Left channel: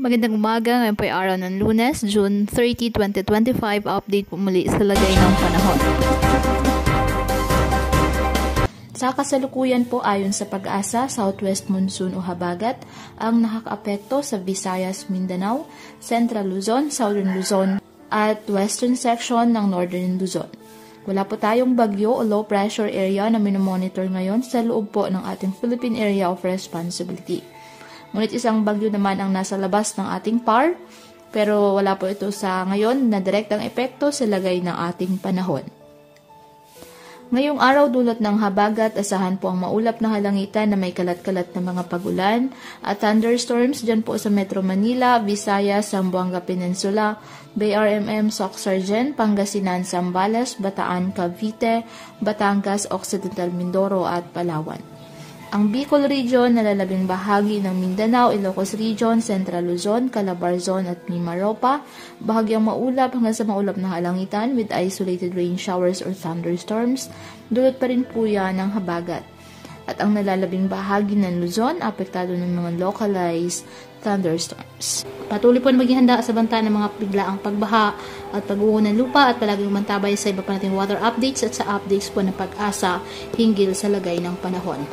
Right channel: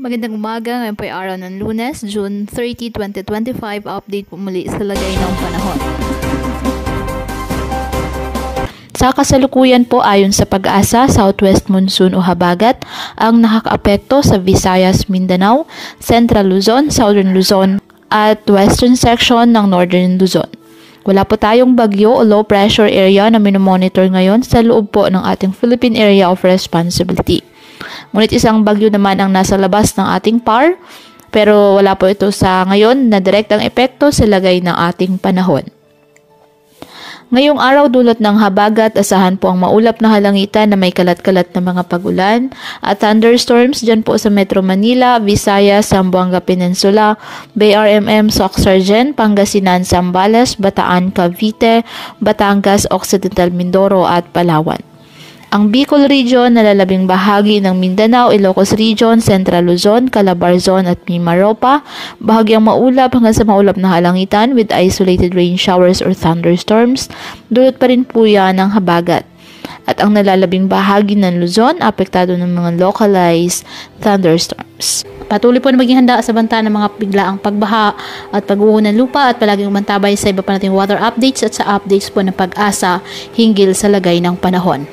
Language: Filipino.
Magandang umaga, ngayon po ay araw ng Lunes, June 30, 2025. Update po muli sa lagay ng panahon. Sa kasalukuyan po ayon sa Pag-asa, southwest monsoon o habagat ang nakakaapekto sa Visayas, Mindanao, Central Luzon, Southern Luzon at western section ng Northern Luzon. Wala po tayong bagyo o low pressure area na minomonitor ngayon sa loob po ng ating Philippine Area of Responsibility. Ngunit isang bagyo naman ang nasa labas ng ating PAR, pero wala po ito sa ngayon na direktang epekto sa lagay ng ating panahon. Ngayong araw dulot ng habagat, asahan po ang maulap na halangitan na may kalat-kalat na mga pagulan at thunderstorms dyan po sa Metro Manila, Visayas, Zamboanga Peninsula, BRMM, Soc-Sargen, Pangasinan, Zambales, Bataan, Cavite, Batangas, Occidental Mindoro at Palawan. Ang Bicol Region, nalalabing bahagi ng Mindanao, Ilocos Region, Central Luzon, Calabarzon at Mimaropa, bahagyang maulap hanggang sa maulap na halangitan with isolated rain showers or thunderstorms, dulot pa rin po yan ng habagat. At ang nalalabing bahagi ng Luzon, apektado ng mga localized thunderstorms. Patuloy po na maging handa sa banta ng mga biglaang pagbaha at pagguho ng lupa at palaging mantabay sa iba pa nating weather updates at sa updates po ng Pag-asa hinggil sa lagay ng panahon.